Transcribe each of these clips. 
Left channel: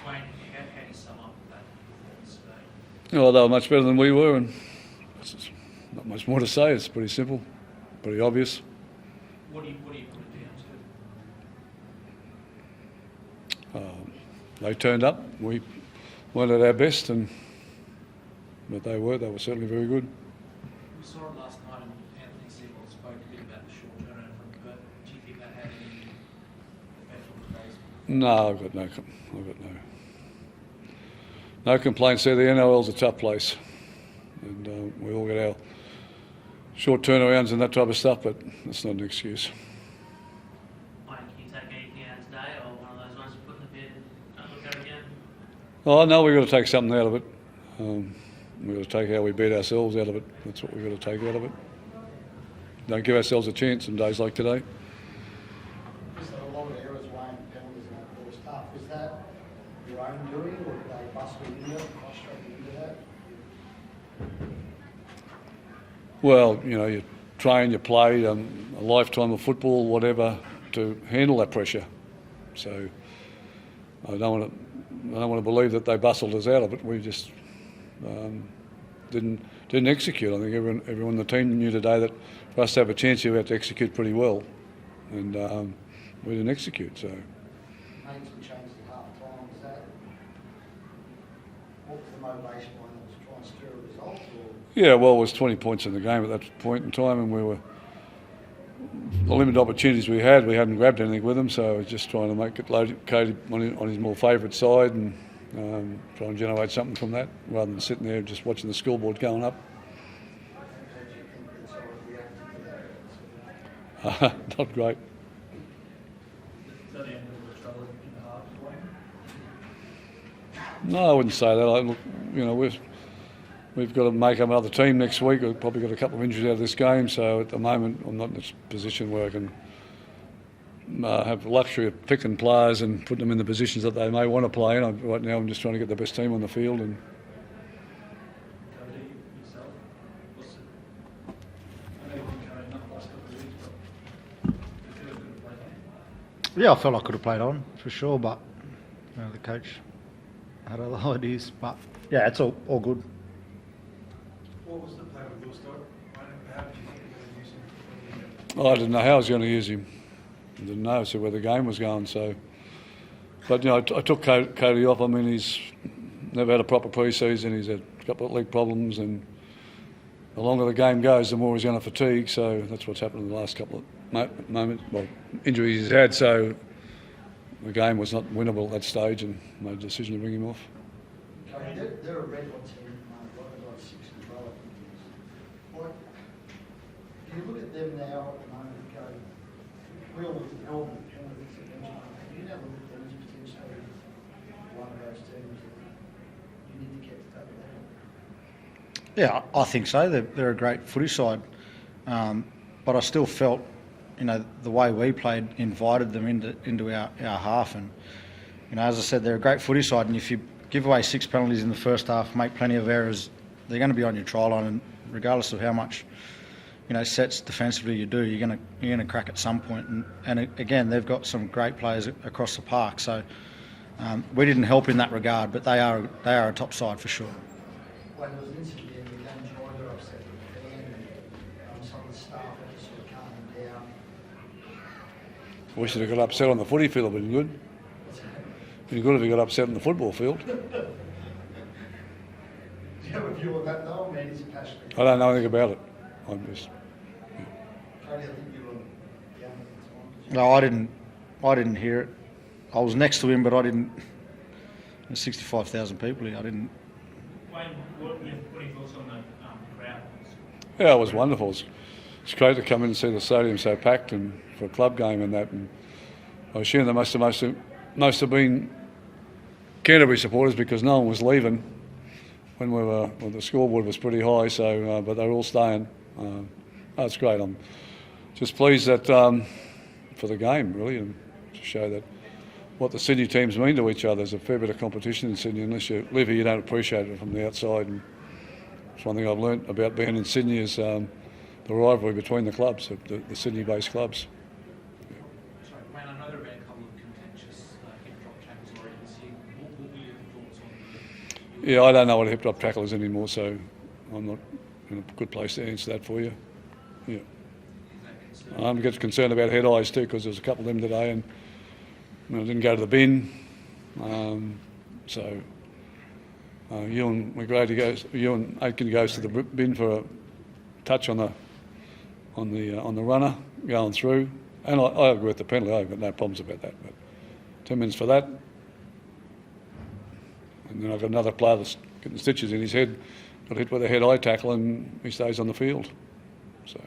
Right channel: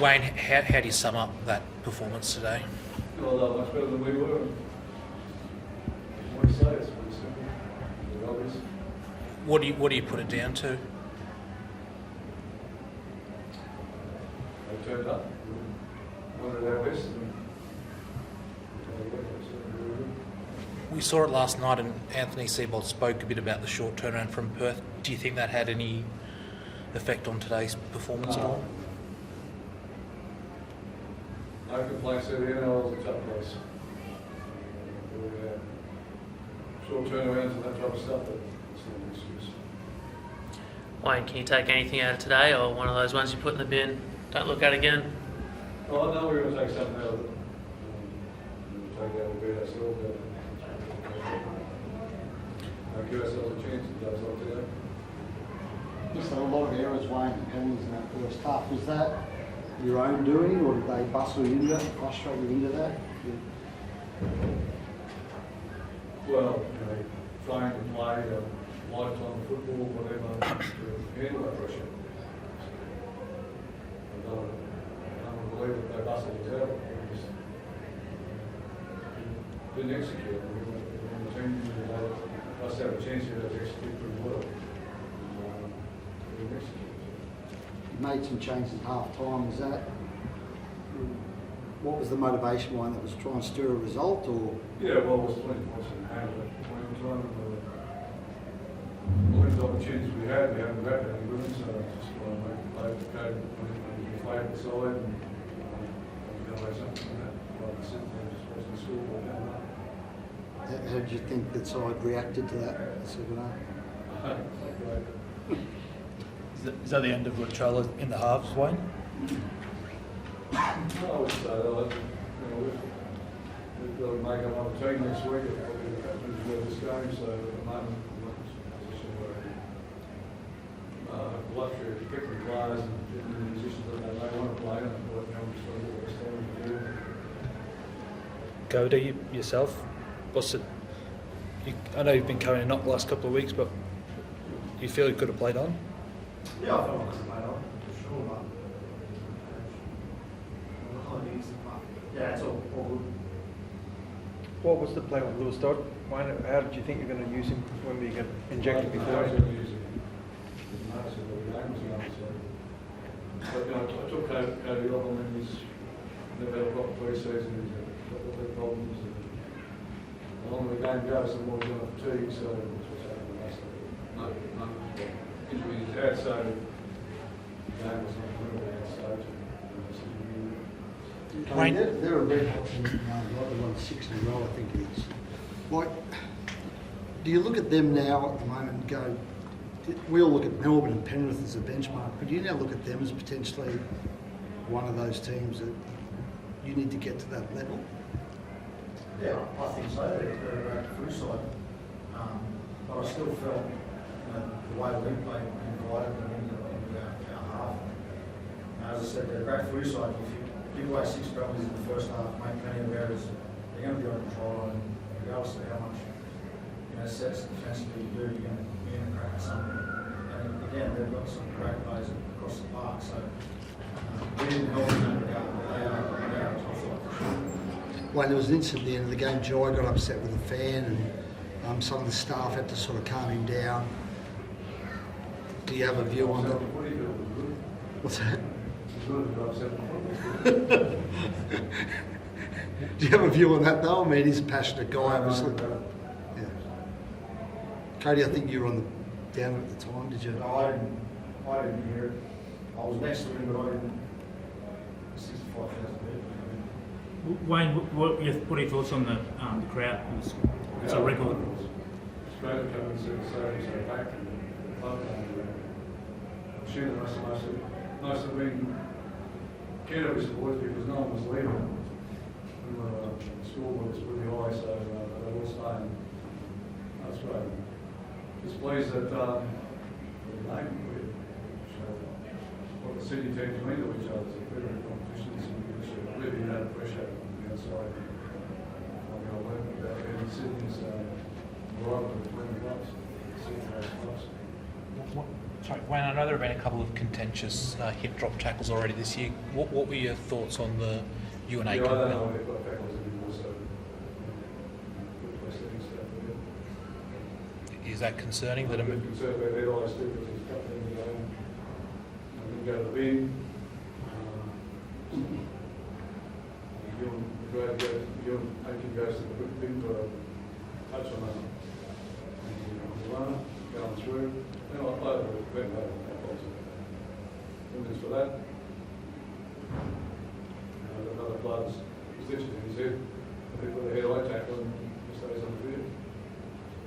Wayne, how do you sum up that performance today? Well, they were much better than we were, and not much more to say. It's pretty simple, pretty obvious. What do you put it down to? They turned up. We weren't at our best, but they were certainly very good. We saw it last night, and Anthony Seibold spoke a bit about the short turnaround from Perth. Do you think that had any effect on today's performance? No, I've got no complaints there. The NRL's a tough place, and we all get our short turnarounds and that type of stuff, but it's not an excuse. Wayne, can you take anything out of today, or one of those ones you put in the bin, don't look at again? Oh no, we've got to take something out of it. We've got to take how we beat ourselves out of it. That's what we've got to take out of it. Don't give ourselves a chance on days like today. Just a lot of errors, Wayne, and penalties in that first half. Is that your own doing, or did they bustle you into that, frustrate you into that? Well, you train, you play a lifetime of football, whatever, to handle that pressure. So I don't want to believe that they bustled us out of it. We just didn't execute. I think everyone in the team knew today that for us to have a chance here, we had to execute pretty well, and we didn't execute. So Made some changes at half time. What was the motivation behind that? Was try and stir a result, or? Yeah, well, it was 20 points in the game at that point in time, and we were the limited opportunities we hadn't grabbed anything with them, so I was just trying to make it located on his more favourite side and try and generate something from that, rather than sitting there just watching the scoreboard going up. How did you think the side reacted to that second half? Not great. Is that the end of Latrella in the halves, Wayne? No, I wouldn't say that. We've got to make another team next week. We've probably got a couple of injuries out of this game, so at the moment I'm not in a position where I can have the luxury of picking players and putting them in the positions that they may want to play in. Right now I'm just trying to get the best team on the field. And Cody, yourself, I know you've been carrying a knock the last couple of weeks, but you feel you could have played on? Yeah, I felt I could have played on for sure, but the coach had other ideas. But yeah, it's all good. What was the plan with Lewis Dodd? How did you think you were going to use him when you get? I didn't know how I was going to use him. I didn't know where the game was going. So, but I took Cody off. I mean, he's never had a proper pre-season. He's had a couple of leg problems, and the longer the game goes, the more he's going to fatigue. So that's what's happened in the last couple of injuries he's had. So the game was not winnable at that stage, and made a decision to bring him off. Wayne, they're a red hot team now. They won 6 in a row, I think it is. Do you look at them now at the moment and go? We all look at Melbourne and Penrith as a benchmark, but do you now look at them as potentially one of those teams that you need to get to that level? Yeah, I think so. They're a great footy side, but I still felt, the way we played invited them into our half, and as I said, they're a great footy side, and if you give away 6 penalties in the first half, make plenty of errors, they're going to be on your try line, and regardless of how much sets defensively you do, you're going to crack at some point. And again, they've got some great players across the park, so we didn't help in that regard, but they are a top side for sure. Well, there was an incident at the end of the game. Jai got upset with a fan, and some of the staff had to sort of calm him down. He got upset on the footy field. It was good. What's that? It was good if he got upset on the football field. Do you have a view on that though? I mean, he's a passionate guy. I don't know anything about it. Yeah. Cody, I think you were on the down at the time, did you? No, I didn't hear it. I was next to him, but I didn't. There's 65,000 people here. I didn't. Wayne, what are your thoughts on the crowd? Yeah, it was wonderful. It's great to come in and see the stadium so packed and for a club game and that. And I assume they must have been Canterbury supporters because no one was leaving when the scoreboard was pretty high. So, but they're all staying. That's great. I'm just pleased that for the game really, and to show that what the Sydney teams mean to each other. There's a fair bit of competition in Sydney. Unless you live here, you don't appreciate it from the outside. And it's one thing I've learnt about being in Sydney is the rivalry between the clubs, the Sydney-based clubs. Sorry, Wayne, I know there have been a couple of contentious hip drop tackles already this year. What were your thoughts on the UNA? Yeah, I don't know what a hip drop tackle is anymore, so I'm not in a good place to answer that for you. Yeah. Is that concerning? I'm getting concerned about head eyes too, because there's a couple of them today, and I didn't go to the bin. Ewan McGrady goes. Ewan Aitken goes to the bin for a touch on the runner going through, and I agree with the penalty. I've got no problems about that. 10 minutes for that, and then I've got another player that's getting stitches in his head, got hit with a head-eye tackle, and he stays on the field. So.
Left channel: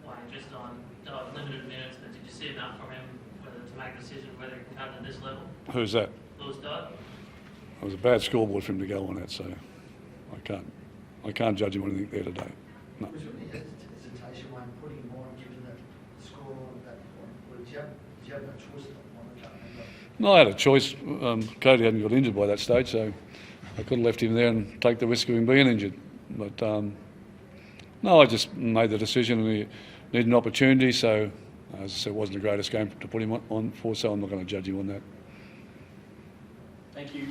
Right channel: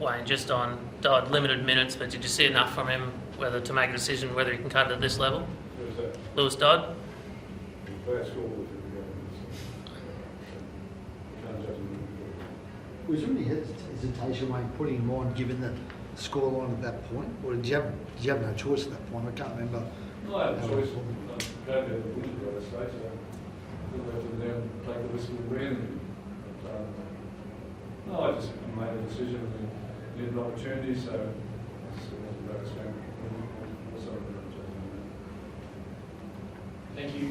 Wayne, just on Dodd, limited minutes, but did you see enough from him whether to make a decision whether he can cut it at this level? Who's that? Lewis Dodd? It was a bad scoreboard for him to go on it, so I can't judge him on anything there today. No. Was there any hesitation when putting him on, given the scoreline at that point, or did you have no choice at that point? I can't remember. No, I had a choice. Cody hadn't got injured by that stage, so I could have left him there and take the risk of him being injured. But no, I just made the decision, and he needed an opportunity. So, as I said, it wasn't the greatest game to put him on for, so I'm not going to judge him on that. Thank you.